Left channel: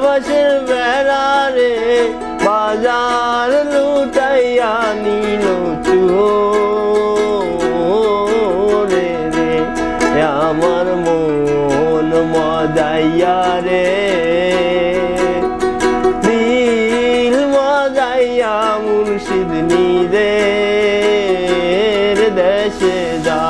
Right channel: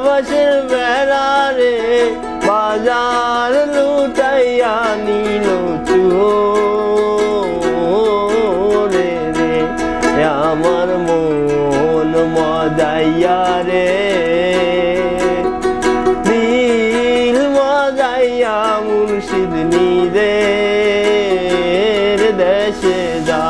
বাসের বেড়া রে বাজার লুটাইয়া নিল চোরে রে আমার মন মজাইয়া রে দিল মজাইয়া মুর্শিদ নিজের দেশে যা